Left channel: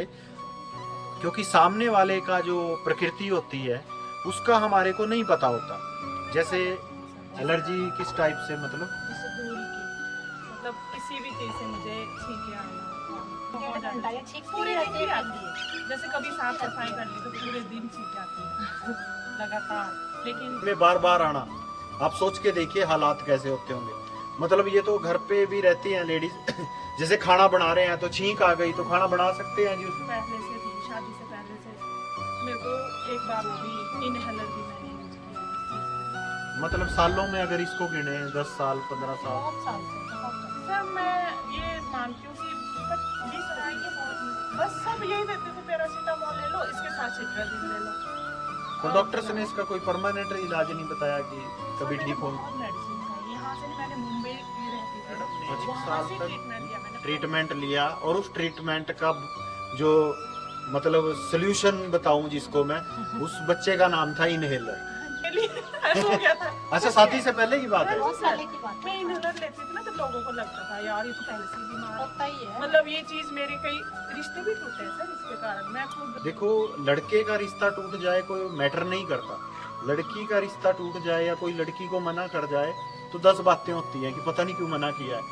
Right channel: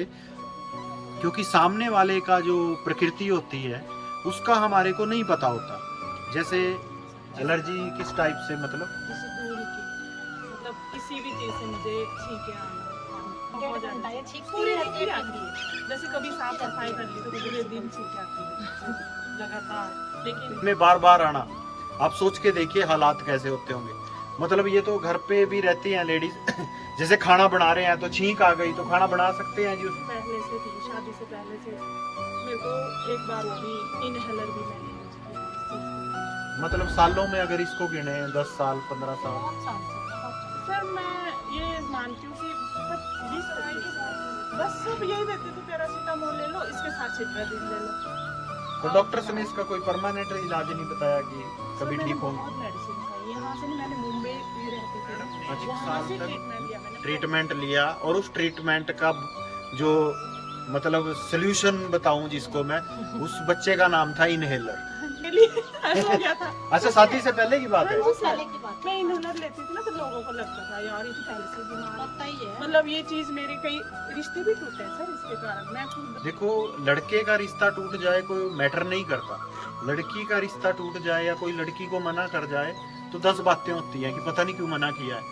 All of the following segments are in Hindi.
क्योंकि सामने वाले का जो प्रकृति होती है उसका हमारे को नहीं पता होता। जैसे एलर्जी किस टाइप से, मतलब मतलब किसी भी चीज से मुझे छींके आना बहुत ज्यादा पूरे दिन भी आती है। जैसे कभी साफ सफाई कर ली तो पूरे दिन छींके आती है लगातार। लेकिन में बार बार आना, आप सोच के देखिए हालात कैसे होते होंगे। मतलब ये तो घर पे भी रहती हैं लेडीज जैसे खाना बना रहे हैं तो छींक आ गई तो खाना बना सकते हैं जी उसमें। पहले से थी, शादी से पहले से मेरे को एक बार वो भी इनहेलर भी मैंने यूज किया। मतलब सालों में अगर इसको गिने 10 साल 15 साल। बहुत साल से सर मैं ये मानती हूँ कि 20 बस सब यही देते थे, पैरासीटामोल ले लो, इसके साथ सिट्राजिन ले लो। तो डॉक्टर्स ने इसका कोई परमानेंट इलाज नहीं बताया कि कभी ठीक होंगे? मेडिसिन खाई, यहाँ से नहीं, मैंने मुंबई भी रहती थी, वहाँ से ट्रीटमेंट लिया मैंने। ट्रीटमेंट लिया और उस ट्रीटमेंट का जो मतलब सोल्यूशन बताऊं जिसको मैं, उस बच्चे का नाम था इनहेलर। हो गया था। अच्छा, शादी से पहले की बात है। मैं इनहेलर लेती थी ना तो लोगों को लगता था यार ये तो पहले से बीमार है। मतलब ये चीज मेरे कई रिश्ते भी टूटे हैं सर इसके कारण। मैं खुद देखो, लड़के का रिश्ता टूट जाए कोई मैटर नहीं करता, लड़की का रिश्ता टूट जाए या कोई लड़की को मना कर जाए तो 10 बातें होती हैं कि पता नहीं क्यों मना किया है।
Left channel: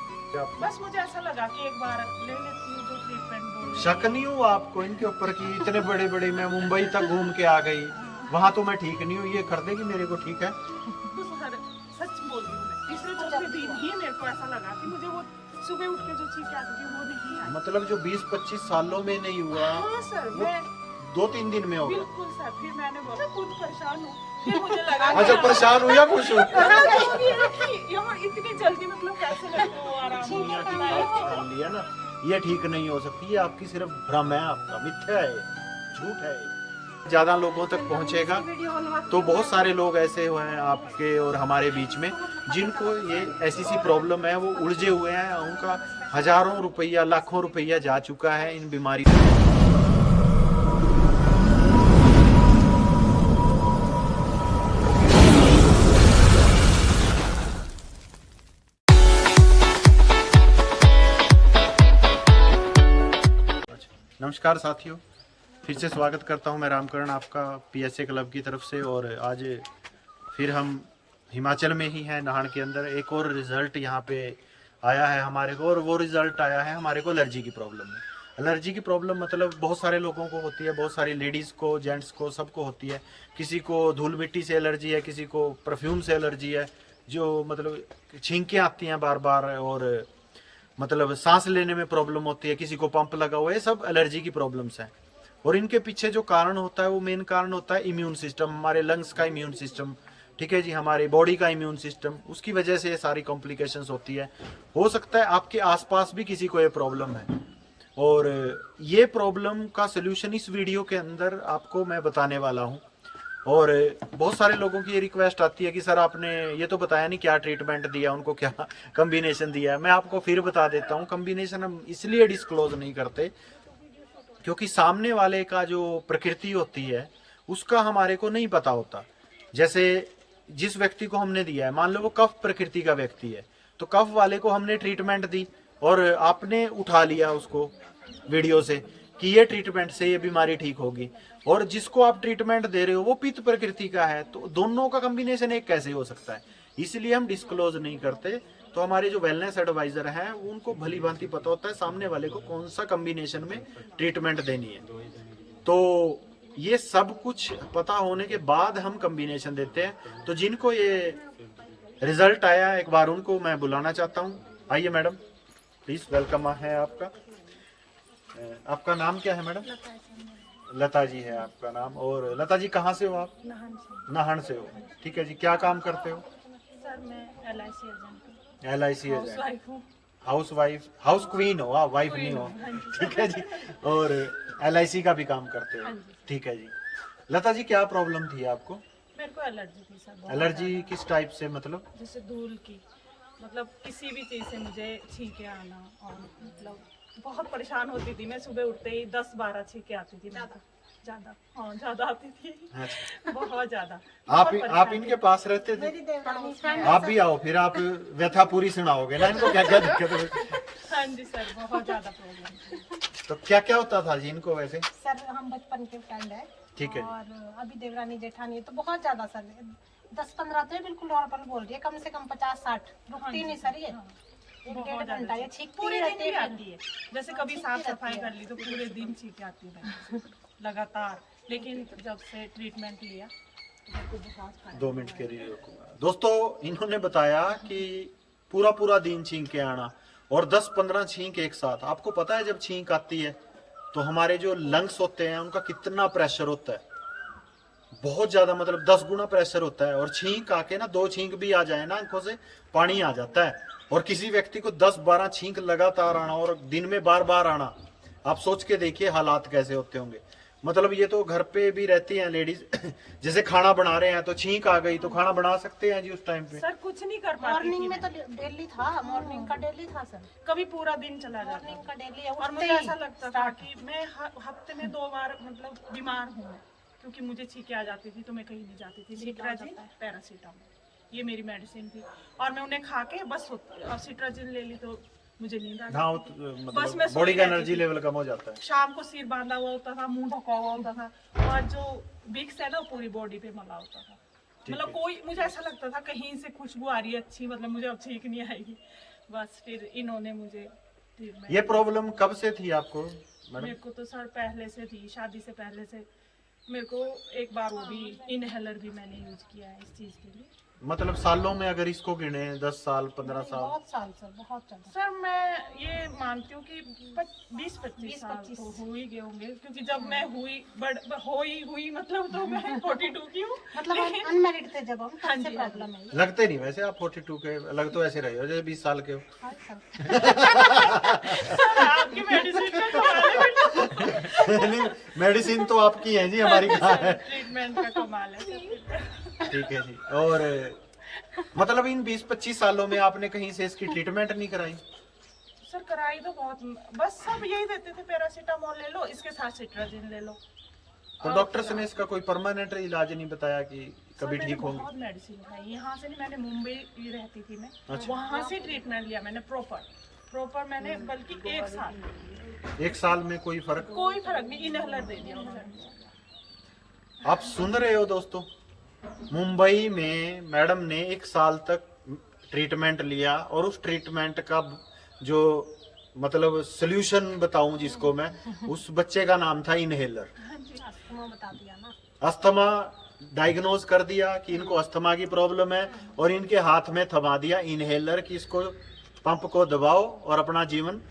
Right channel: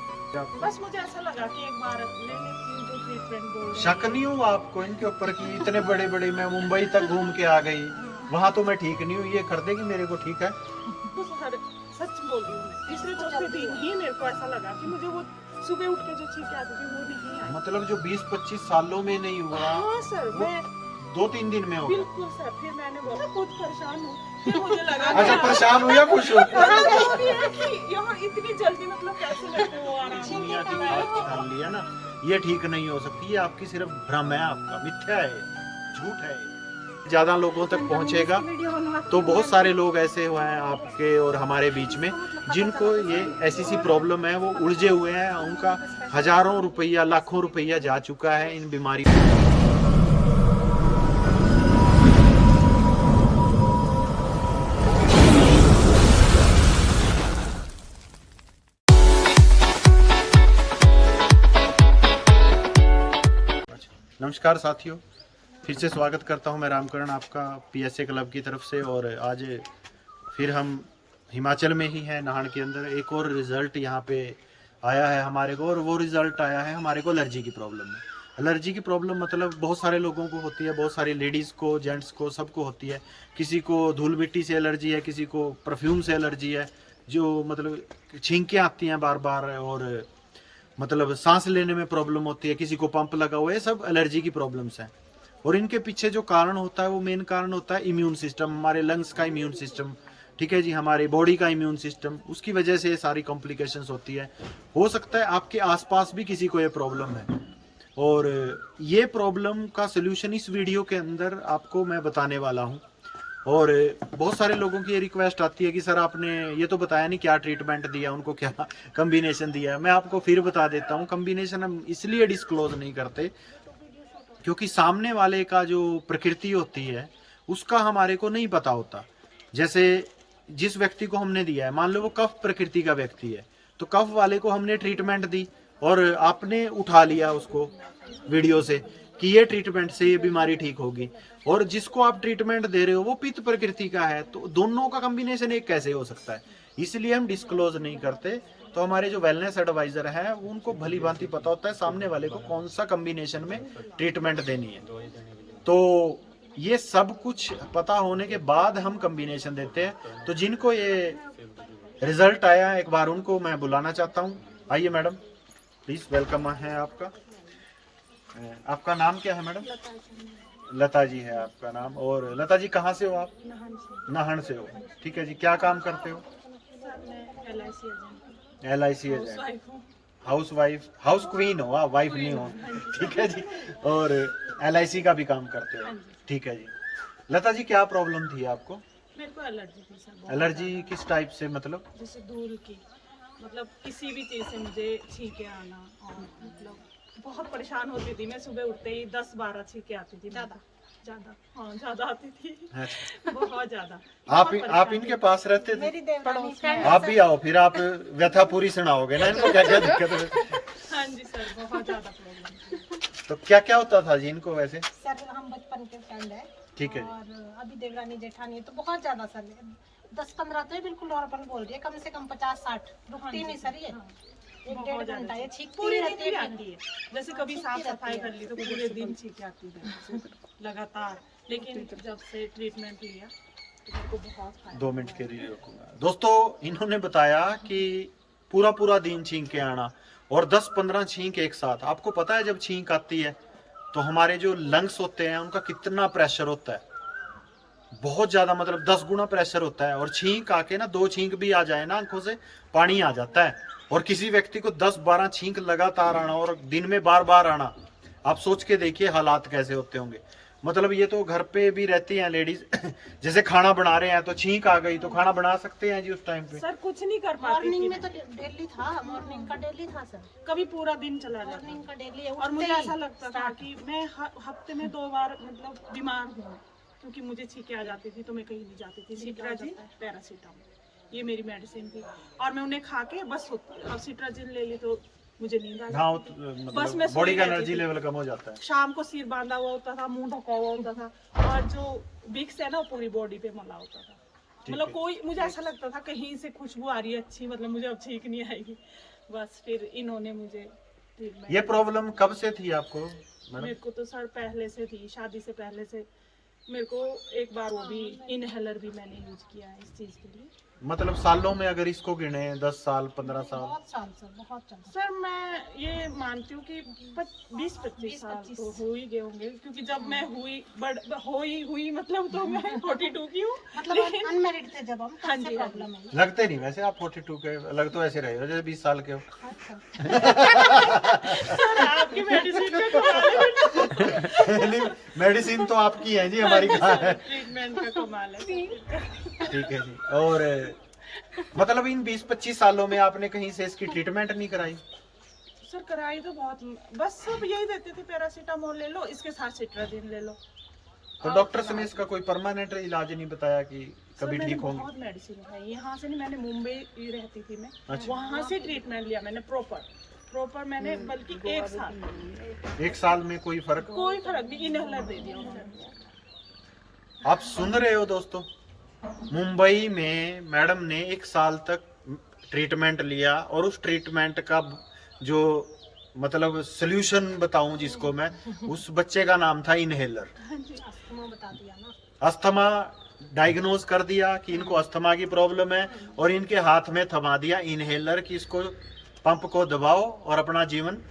बस मुझे ऐसा लगा कि एक बार ले लेती हूँ जो ट्रीटमेंट बोल रहे हैं। शक नहीं हुआ आपको इनके ऊपर कि इतने बड़े बड़े, मैं मुंबई तक घूम के आ गई, वहां तो मैं ठीक नहीं हूँ, ये कर देगी मेरे को ठीक है? सच बोल रही हूँ मैं, तीसरे चौथे दिन ही मेरे को ऐसा लगा कि मुझे वो सुबह उठ के जो छींके आती थी वो नहीं आई। मतलब जो 20-25 सालों में नहीं हुआ, हाँ सर, मैं 2-3 दिन में हो गया। बिल्कुल सर। फिर मैंने बोला मैं खुद परेशान हूँ, फिर मुझे लगा अच्छा, परेशान हो या खुश हो? यहाँ इतनी जल्दी मतलब कैसे लगते हो आराम दुनिया की बात ठान लिया ना, ये ठीक नहीं हो सकती, ये आपकी सिर्फ भ्रम है, आपका मिथ्या है, झूठ है। ज्यादा लोगों तक पहुंचेगा तो बहुत सारे लोग ऐसे हुए हैं आपके और हमारे बीच में जिनको ये ऐसी सी प्रॉब्लम है, वो उलझे हुए हैं, उनका हजारों रुपया लाखों रुपया जा चुका है इन बीमारी। नमस्कार साथियों, फिर से स्वागत करता हूं मैं रामकरण आपका पीएसए क्लब की तरफ से। और आज फिर हम हिमाचल में ही हैं, नाहन के अंदर। एक और रिज़ल्ट यहाँ पे आया है हमारे को, और वो रिज़ल्ट आया है हमारे को एलर्जी की प्रॉब्लम में। एलर्जी की प्रॉब्लम मतलब बहुत सारे लोगों को होती है, बहुत सारी लेडीज़ को, जेंट्स को, सबको होती है। किसी को धूल मिट्टी से एलर्जी है, किसी को परफ्यूम से एलर्जी है, जो मतलब छींकें आती हैं बार बार, और मतलब सांस लेने में प्रॉब्लम होती है, किसी को पंप लगा हुआ है। सब एलर्जी की प्रॉब्लम्स हैं। और इनके पीछे जो कारण होता है वो मेन कारण होता है इम्यून सिस्टम, हमारे लंग्स का इम्यून सिस्टम, ठीक है जी, हमारे बॉडी का इम्यून सिस्टम, उसकी वजह से ये सारी कॉम्प्लिकेशंस होती है। हो सकता है आपके आसपास भी किसी को ये प्रॉब्लम है, और ये प्रॉब्लम का सोल्यूशन इस वीडियो के अंदर आपको मैं बताने वाला हूँ। और बहुत सारे लोगों की ये रिक्वेस्ट आती है कि सर आपने ये तो बताया नहीं क्या ट्रीटमेंट दिया, उनको क्या कम्बिनेशन दिया है। मैं आपको फिर बता देता हूँ, कम्बिनेशन हम इसलिए डिस्क्लोज नहीं करते क्योंकि सामने वाले का जो प्रकृति होती है उसका हमारे को नहीं पता होता। जैसे जिस व्यक्ति को हमने दिया है, मान लो वो कफ प्रकृति का व्यक्ति है, तो कफ वाले को हमने ट्रीटमेंट दी और आपने उठा लिया उसको वीडियो से कि ये ट्रीटमेंट से ये बीमारी ठीक होगी, और जिसको आप ट्रीटमेंट दे रहे हो वो पित्त प्रकृति का है, तो दोनों का कॉम्बिनेशन एक कैसे हो सकता है? इसलिए हम डिस्क्लोज नहीं करते। तो हमारे जो वेलनेस एडवाइजर हैं उनको भली भांति पता होता है सामने वाले को कौन सा कॉम्बिनेशन में ट्रीटमेंट देनी है। तो ये सब कुछ पता होने के बाद हम कॉम्बिनेशन देते हैं। तो जिनको ये रिजल्ट आया है, एक बार उनको मैं बुलाना चाहता हूँ। आइए मैडम, प्लीज, वेलकम है आपका। आपका नाम क्या है मैडम? लता जी है आपका नाम। और लता जी कहाँ से हो आप? नाहन से हो, ठीक है जी। क्या काम करते हो? LIC agent, house wife, house queen हो आप, वाइफ नहीं हो, ठीक है जी। और LIC का भी काम करते हो, ठीक है जी। लता जी क्या प्रॉब्लम थी आपको? मेरे को एलर्जी थी सर। एलर्जी किस टाइप से, मतलब? जैसे धूल की, मतलब किसी भी चीज से मुझे छींके आना, और मतलब बहुत परेशान होती थी मैं। सुबह उठते ही 10-12 छींके आती थी, ज्यादा, हाँ ज्यादा आती थी, अच्छा। बहुत ज्यादा। आप इनके पास रहते थे? मेरी देवरानी आप भी आओ, फिर आप व्यथा पूरी सुनाओगे ना इनको, क्या क्या दिक्कत है। हाँ जी सर, बहुत ज्यादा प्रॉब्लम थी। तो क्या क्या होता था जी इनको वैसे? सर हम बचपन के फ्रेंड है, ठीक है। और अभी देवरानी जेठानी तो बहुत ज्यादा सर 10-15 तो बिल्कुल नॉर्मल बोल रही है, कम से कम 50-60 रुकती नहीं सर ये। एक बहुत डेढ़ ज्यादा घंटा ये छींक। छींकती पूरे दिन रहती भी है। आती है, जैसे कभी साफ सफाई कर ली तो पूरे दिन छींके आती है लगातार। लेकिन जब से ट्रीटमेंट लिया तो मेरे को बहुत फायदा 2 मिनट के लिए रुकूंगा। दोस्तों इन्होंने बताया कि पूरा पूरा दिन छींक के आना और 10-15 छींक एक साथ। आपको पता है जब छींक आती है तो हमारे जो लंग्स होते हैं उनका कितना प्रेशर होता है, बहुत ज्यादा, मतलब 10 गुना प्रेशर होता है। और छींक आके ना 2 छींक भी आ जाए ना आंखों से पानी आ जाता है। और किसी व्यक्ति को 10-12 छींक लगातार आना और दिन में बार बार आना, आप सोच के देखिए हालात कैसे होते होंगे। मतलब ये तो घर पे भी रहती हैं लेडीज जैसे खाना बना रहे हैं तो छींक आ गई तो खाना बना सकते हैं जी उस टाइम पे? सर कुछ नहीं कर पाती थी मॉर्निंग में मैं। तो डेली था, मॉर्निंग का डेली था सर, कभी पूरा दिन चला जाता मॉर्निंग का डेली है। और उठते मुझे ही ऐसा लगता था कि मैं हफ्ते में 2 बार मतलब बीमार हूँ मैं, क्योंकि मुझे छींके आ जाती थी तो मैं कहीं नहीं जाती थी। सिट्राजिन, पैरासीटामोल, ये मेरी मेडिसिन थी और मैं उन्हें खा के बस अब सिट्राजिन ले ली तो मुझे नींद आ हाँ, जाती थी। बस मतलब मैं बॉडी सोई का रहती एनर्जी थी। लेवल कम हो जाता है। शाम को सिर बांधा हुआ होता था, मुंह ढका हुआ होता था और जो विक्स है ना वो पूरी बॉडी पे मला होता था। मतलब कोई, मुझे ऐसा लगता था कहीं से खुशबू आ रही है अच्छी, मतलब मुझे अब ठीक नहीं आएगी। बस फिर इन्होंने मुझे ट्रीटमेंट। ये प्रॉब्लम कब से थी आपको मैडम? मेरे को तो सर पहले से थी, शादी से पहले से। मेरे को एक बार वो भी इनहेलर भी मैंने यूज किया है इस चीज के लिए। मतलब सालों में अगर इसको गिने 10 साल 15 साल? बहुत साल सर, बहुत ज्यादा। सर मैं ये मानती हूँ कि 20-25 साल तो हो ही गए होंगे, क्योंकि जब मैं हुई मतलब तो मैं 42 की हूँ। मतलब अनमेरिड थे जब हम, हाँ तब से जी, हाँ प्रॉब्लम है। लगते नहीं वैसे आप 42 के, लग तो ऐसे रहे हो जैसे 20 साल के हो। हाँ सर। सर आपकी मेडिसिन का कमाल है। नहीं, मेडिसिन तो आपकी है जी, हमारी कहाँ है। ट्रीटमेंट का कमाल है। ठीक है जी। और मतलब इन 20-25 सालों में आपने कहीं से इसकी ट्रीटमेंट नहीं कराई? सर कराई तो बहुत, बस सब यही देते थे, पैरासीटामोल ले लो, इसके साथ सिट्राजिन ले लो। तो डॉक्टर्स ने इसका कोई परमानेंट इलाज नहीं बताया कि कभी मैंने ठीक होंगे? बहुत मेडिसिन खाई, यहाँ से नहीं, मैंने मुंबई रहती थी मैं, अच्छा। वहाँ से ट्रीटमेंट लिया मैंने प्रॉपर मैंने, बल्कि 1 साल। 1 साल में कोई फर्क? कोई फर्क नहीं, इनहेलर दे दिया उन्होंने। आप सुन रहे हो दोस्तों, मुंबई में मैडम ने 1 साल तक ट्रीटमेंट लिया और उस ट्रीटमेंट का जो मतलब सोल्यूशन बताऊं जिसको मैं, उस बच्चे का नाम था इनहेलर। अस्थमा बता दिया ना। अस्थमा डायग्नोज कर दिया कि इनको अस्थमा की प्रॉब्लम है और इनके हाथ में थमा दिया इनहेलर कि इसको पंप को दबाओ और अपना जीवन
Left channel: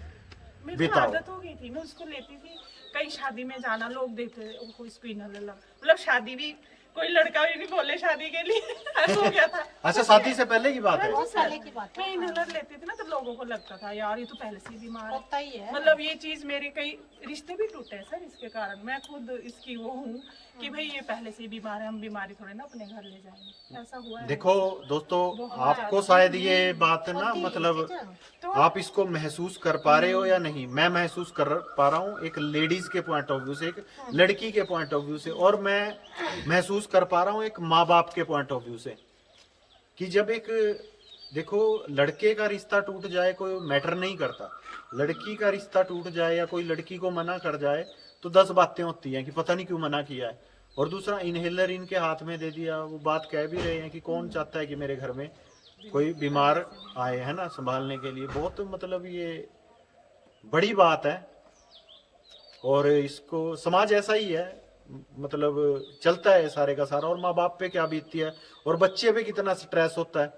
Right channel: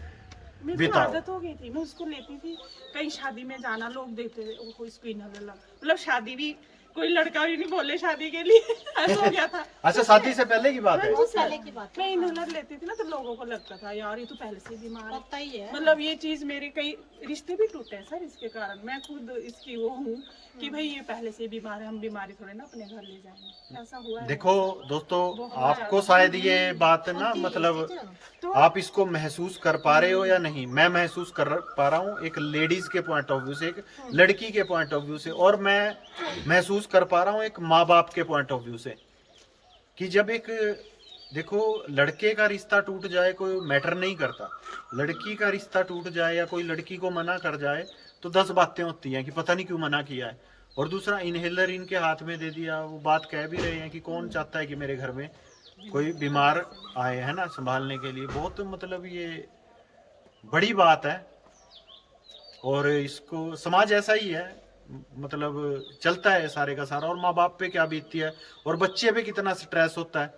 मेरे को बिताओ। आदत हो गई थी, मैं उसको लेती थी, कहीं शादी में जाना, लोग देते थे वो इसको इनहेलर लगा, मतलब शादी भी कोई लड़का भी नहीं बोले शादी के लिए। ऐसा हो गया था। अच्छा, शादी से पहले की बात है? बहुत पहले की बात मैं इनहेलर लेती थी ना तो लोगों को लगता था यार ये तो पहले से ही बीमार है। होता ही है। मतलब ये चीज, मेरे कई रिश्ते भी टूटे हैं सर इसके कारण। मैं खुद इसकी वो हूँ कि भाई ये पहले से ही बीमार है, हम बीमारी थोड़े ना अपने घर ले जाएंगे, ऐसा हुआ है। देखो दोस्तों, आपको शायद ये बात ना मतलब तो आप इसको महसूस कर पा रहे हो या नहीं, मैं महसूस कर पा रहा हूँ एक लेडीज के पॉइंट ऑफ व्यू से, एक लड़की के पॉइंट ऑफ व्यू से, और मैं महसूस कर पा रहा हूँ एक माँ बाप के पॉइंट ऑफ व्यू से, कि जब एक, देखो लड़के का रिश्ता टूट जाए कोई मैटर नहीं करता, लड़की का रिश्ता टूट जाए या कोई लड़की को मना कर जाए तो 10 बातें होती हैं कि पता नहीं क्यों मना किया है। और दूसरा, इनहेलर इनके हाथ में दे दिया, वो बात कह भी रहे हैं कि कौन चाहता है कि मेरे घर में कोई बीमार आए, है ना, संभालने के लिए। बहुत मतलब ये बड़ी बात है और इसको समाज ऐसा ही है, मतलब चलता है सारे का सारा। और माँ बाप पे क्या बीतती है और बच्चे पे कितना स्ट्रेस होता है,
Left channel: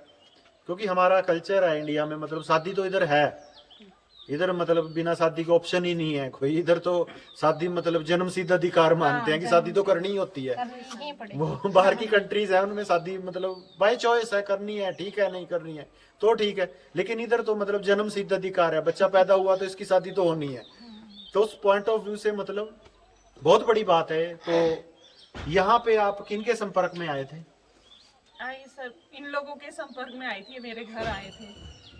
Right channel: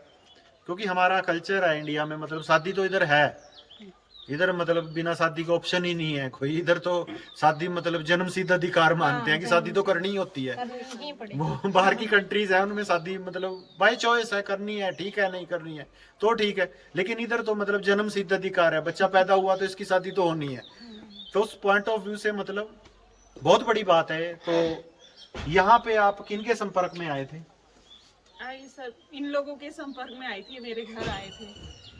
क्योंकि हमारा कल्चर है इंडिया में, मतलब शादी तो इधर है, इधर मतलब बिना शादी का ऑप्शन ही नहीं है कोई। इधर तो शादी मतलब जन्म सिद्ध अधिकार मानते हैं कि शादी तो करनी ही होती है। करनी ही पड़ेगी। वो बाहर की कंट्रीज है उनमें शादी मतलब बाय चॉइस है, करनी है ठीक है, नहीं करनी है तो ठीक है, लेकिन इधर तो मतलब जन्म सिद्ध अधिकार है, बच्चा पैदा हुआ तो इसकी शादी तो होनी है। तो उस पॉइंट ऑफ व्यू से मतलब बहुत बड़ी बात है। तो यहाँ पे आप किनके संपर्क में आए थे? आई सर इन लोगों के संपर्क में आई थी, मेरे घर आए थे।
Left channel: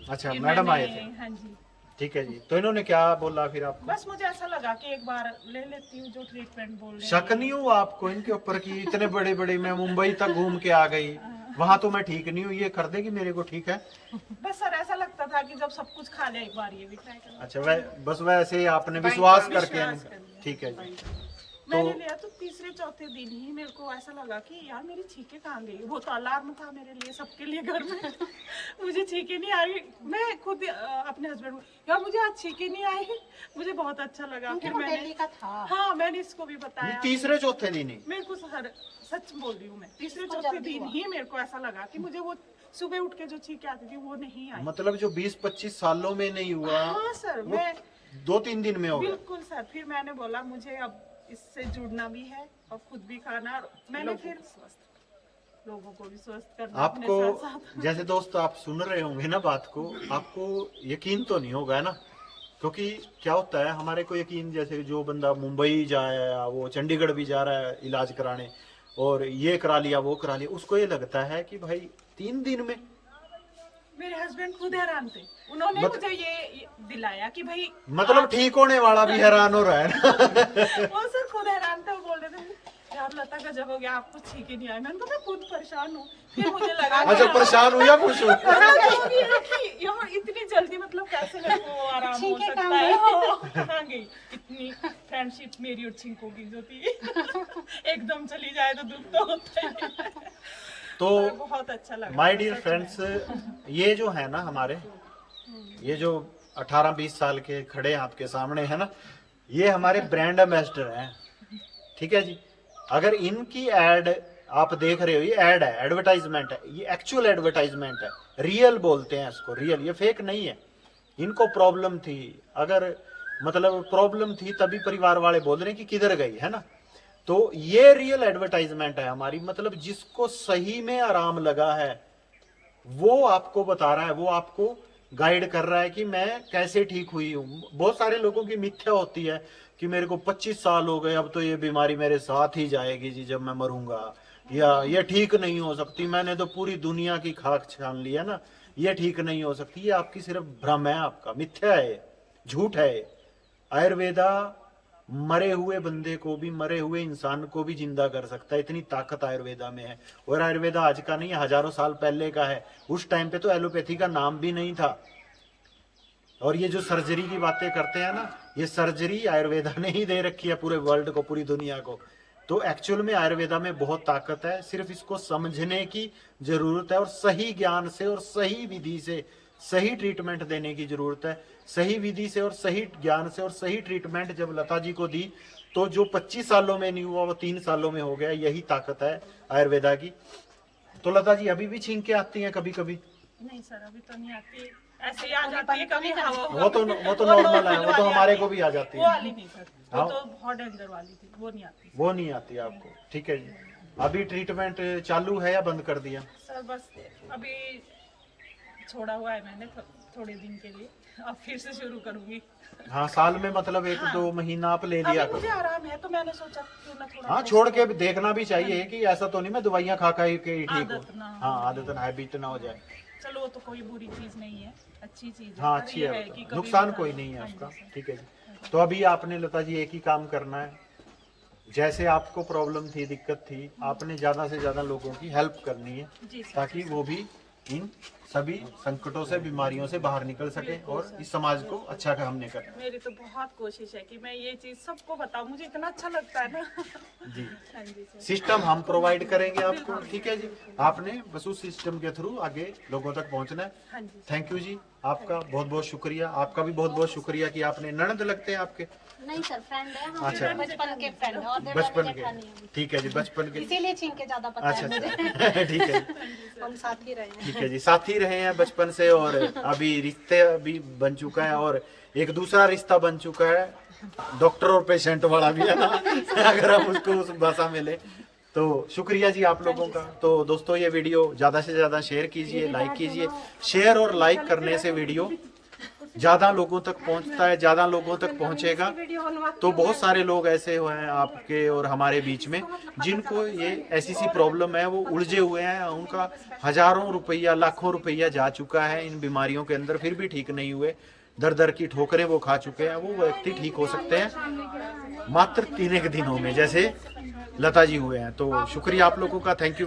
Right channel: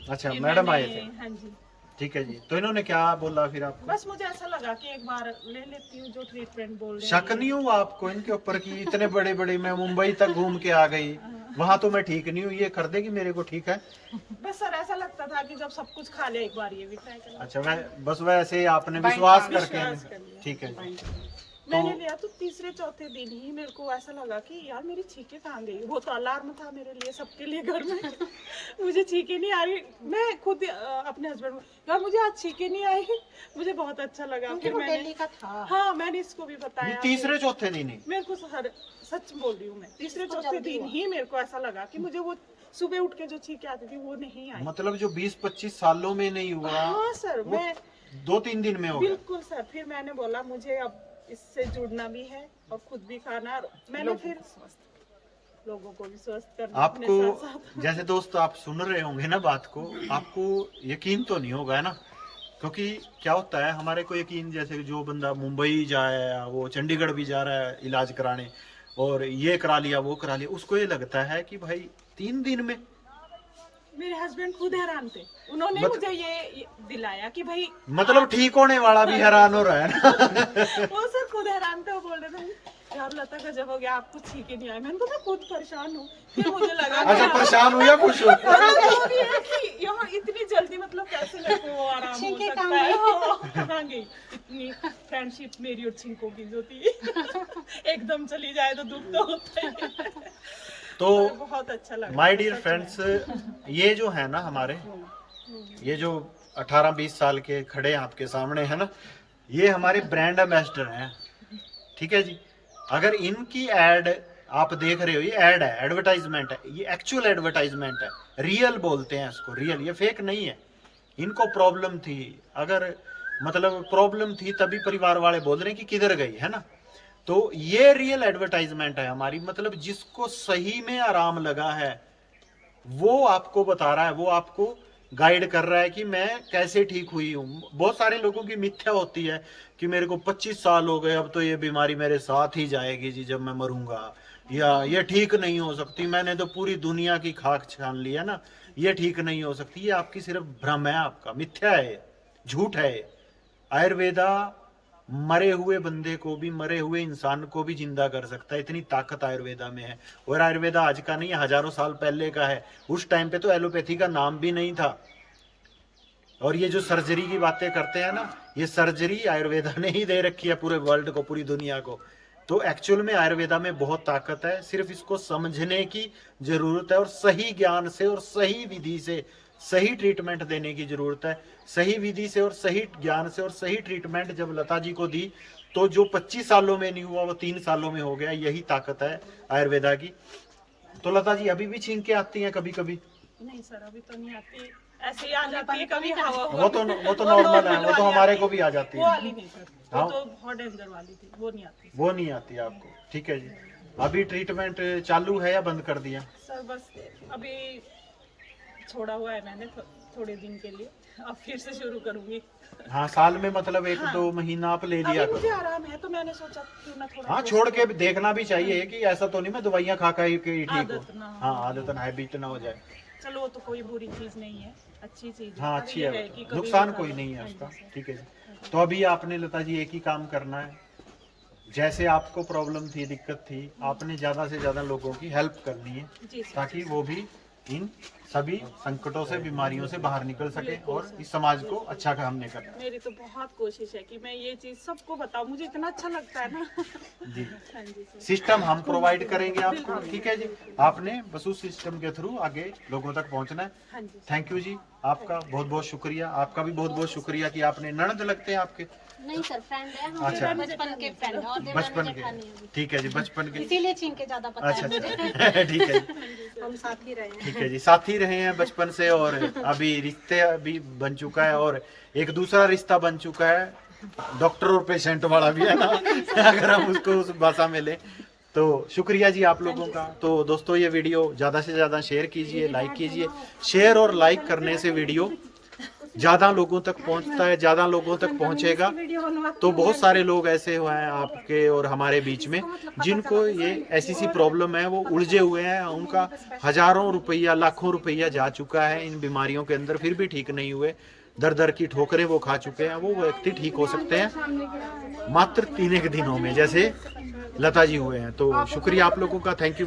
अच्छा, फिर मैडम आए मैंने- थे। हाँ जी, ठीक है जी। तो इन्होंने क्या बोला फिर आपको? बस मुझे ऐसा लगा कि एक बार ले लेती हूँ जो ट्रीटमेंट बोल रहे शक नहीं हुआ आपको इनके ऊपर कि इतने बड़े बड़े, मैं मुंबई तक घूम के आ गई, वहां तो मैं ठीक नहीं हूँ, ये कर देगी मेरे को ठीक है? बस सर ऐसा लगता था कि जब सब कुछ खा लिया एक बार ये भी ट्राई करना। अच्छा, बस वैसे आपने विश्वास विश्वास करके, कर लिया। ठीक है जी। मैंने लिया तो तीसरे चौथे दिन ही मेरे को ऐसा लगा कि यार मेरी छींकें कहाँ गई। वो तो अलार्म था मेरे लिए, सबके लिए घर में। मुझे छींकें नहीं आ रही। मैं खुद अपने हस्बैंड को, यार मुझे आज छींकें नहीं आई, मुझे बहुत अच्छा लगा। फिर मैंने, डेली का था। हाँ मैंने इसको भी बताया। तीसरे चौथे दिन ही? मेरे को सच बोल रही हूँ मैं, तीसरे चौथे दिन ही मेरे को ऐसा लगा कि मुझे वो सुबह उठ के जो छींकें आती थी वो नहीं आई। मतलब जो 20-25 सालों में नहीं हुआ, हाँ सर, मैं 2-3 दिन में हो गया। बिल्कुल सर। फिर मैंने बोला मुझे अब इससे जुड़ना भी है और खुद भी खाना। और मैंने फिर लोगों को भी स्वस्थ करना अपने आपको साथ। जैसे दोस्त आप सुन रहे होंगे ना बात को, आपको यकीन तो नहीं होगा ना, क्योंकि क्या होता है हमारे को यकीन, जैसे जो बंदा मुंबई जाए या वो चंडीगढ़ भी जा रहा है इलाज कराने और ये करा लिया वो करा लिया, उसको ये लगता है कि भाई 3 दिन में। मेरे हस्बैंड खुद हैरान थे, उन्होंने मुझे ये दिलाया कि भाई मतलब ठीक होने वाला भी हैरान हो रहा है ना। वो सर खुद हैरान थे। वो बोल रहे थे यार लता का जब हो गया, आपको छींके नहीं आए। मैंने कहा खुद परेशान हूँ। फिर मुझे लगा अच्छा, परेशान हो या खुश हो? यहाँ इतनी जल्दी मतलब कैसे मेरे को आराम हो सकता है। कहाँ गई इतनी फ्रेंडशिप मेरी और छिंकों की जो थी। एकदम चली जाए तो दुख तो होता है। तो बहुत अच्छा लगा माय डियर फ्रेंड्स, ये जो है ना हमारे, ये जो 18-20 साल के खड़े हैं आपके सामने है ना, ये हमारे ब्रांड एम्बेसडर हैं। ठीक है जी। अगर इनकी एड आप देख रहे हो, ये एड है, एडवर्टाइजमेंट है, ये एक्चुअल एडवर्टाइजमेंट है, रियल बोलते हैं इसको, रियल, ये फेक नहीं है। इनको प्रॉब्लम थी, अगर मतलब प्रॉब्लम थी तभी परिवार वाले बोल रहे हैं कि किधर गई, है ना। तो ये रियल एडवर्टाइजमेंट है हमारी, मतलब जिसको सही में आराम लगा है वो आपको बता रहा है, वो आपको गाइड कर रहा है कि मैं कैसे ठीक हुई हूँ। बहुत सारे लोगों की मिथ्या होती है कि मेरे को 25 साल हो गए, अब तो ये बीमारी मेरे साथ ही जाएगी जी जब मैं मरूंगा, या ये ठीक नहीं हो सकती, मैंने तो पूरी दुनिया की खाक छान ली है ना, ये ठीक नहीं हो सकती। ये आपकी सिर्फ भ्रम है, आपका मिथ्या है, झूठ है। आयुर्वेदा मरे हुए बंदे को भी, मरे हुए इंसान को भी जिंदा कर सकता है, इतनी ताकत आयुर्वेदा में है। और आयुर्वेदा आज का नहीं है, हजारों साल पहले का है। उस टाइम पे तो एलोपैथी का नाम भी नहीं था। और ये जो सर्जरी की बातें करते हैं ना, ये सर्जरी आयुर्वेदा ने ही दे रखी है पूरे वर्ल्ड को, पूरी दुनिया को। तो एक्चुअल में आयुर्वेदा में बहुत ताकत है, सिर्फ इसको समझने की जरूरत है और सही ज्ञान से और सही विधि से सही ट्रीटमेंट देने की जरूरत है। सही विधि से और सही ज्ञान से और सही ट्रीटमेंट जब लता जी को दी तो जो 25 सालों में नहीं हुआ वो 3 सालों में हो गया। यही ताकत है आयुर्वेदा की। तो लता जी अभी भी छींके आती हैं कभी कभी? नहीं सर, अभी तो नहीं आती, ऐसे ही आ जाती है कभी हवा। वो तो नॉर्मल है, वो तो हमारे को भी आ जाती वो है। वाली नहीं सर, वो तो बहुत डेंजर वाली थी, वो नहीं आती। वो नहीं आती आपको, ठीक है जी। अभी ट्रीटमेंट चालू है या बंद कर दिया? सर बस अभी छोड़ा हुआ है मैंने थोड़े दिन के लिए, अब फिर से शुरू करूंगी। हाँ, साल में मतलब 1-2 महीना आप ले लिया अभी मुझे करो। आराम है तो मैंने सोचा क्यों ना थोड़ा हाँ, छोड़ के भी देखना भी चाहिए कि ऐसा तो नहीं मैं दवाइयाँ खा खा के ठीक हूँ। आदत ना हो। हाँ, आदत ना, हैबिट ना हो जाए। चलो वो तो कोई बुरी चीज नहीं है, अच्छी चीज है। हाँ, पर अच्छी ये है, कि वो तो। कभी नुकसान भी कोई खा लो। नहीं है हाँ उसका, जी, सर। ठीक है जी। तो अभी आपने लता जी एक ही काम करना है, जैसे आपको प्रॉब्लम थी, दिक्कत थी, आपने ज्यादा से ज्यादा लोगों की हेल्प करनी है जी सर। ताकि वो भी इन सभी संकटों से, बीमारियों से बाहर निकल सके और इस समाज को अच्छा हमने करना है। मेरी तो बहुत कोशिश है कि मैं ये चीज सबको बताऊं, मुझे इतना अच्छा लगता है ना। जी, हाँ जी सर। सिस्टम हम प्रोवाइड करेंगे आपको, ठीक है जी। आपने बस उस सिस्टम के थ्रू आगे लोगों तक पहुंचना है। हाँ जी सर। थैंक यू जी, आपका बहुत बहुत शुक्रिया। आपका भी बहुत बहुत शुक्रिया कि आपने, ननद लगते हैं आपके? नहीं सर, फ्रेंड है हम, अच्छा। बचपन के फ्रेंड है और बचपन जेठानी है। के, ठीक है जी, बचपन के। इसीलिए छींके ज्यादा पता अच्छा है मुझे। अच्छा, ठीक है जी, हम साथ ही रहे हैं। ठीक है जी। साथ ही रहे हैं बचपन से और अभी रिश्ते भी बन चुका है और एक दूसरा रिश्ता बन चुका है, डॉक्टर और पेशेंट वाला भी है ना, अगर हम उसको उस भाषा में ले तो। शुक्रिया जी आप लोगों का। तो दोस्तों ये वीडियो ज़्यादा से ज़्यादा शेयर कीजिए, लाइक कीजिए। शेयर और लाइक करने से वीडियो ज़्यादा लोगों तक पहुंचता है, ज़्यादा लोगों तक पहुंचेगा तो बहुत सारे लोग ऐसे हुए हैं आपके और हमारे बीच में जिनको ये ऐसी सी प्रॉब्लम है, वो उलझे हुए हैं, उनका हजारों रुपया, लाखों रुपया जा चुका है इन बीमारियों के अंदर, फिर भी ठीक नहीं हुए। दर दर की ठोकरें वो खा चुके हैं, वो व्यक्ति ठीक हो सकते हैं मात्र 3 एक दिनों में, जैसे लता जी हुए हैं। तो शुक्रिया आप लोगों का, थैंक यू वेरी